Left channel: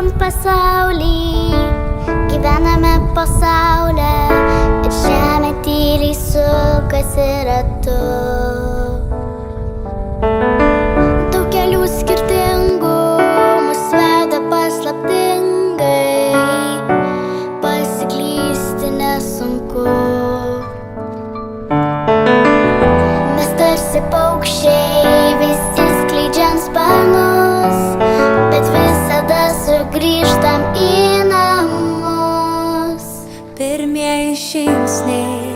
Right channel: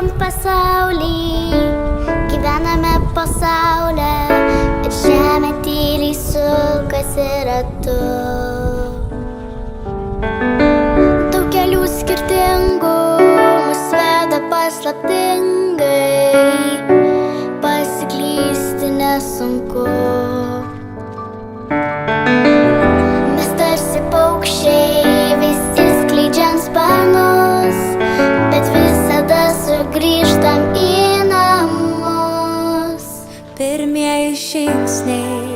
šiam pasaulį, gyvename pasaulę ir žemė tyliai sukasi ratu. Daug kelių skirtingų mus veda paslaptingai, pasiklysti nesunku. Mes tarsi paukščiai, visi skleidžiant sparnus, bet visada sugrįžtam į namus. Pirmieji žingsniai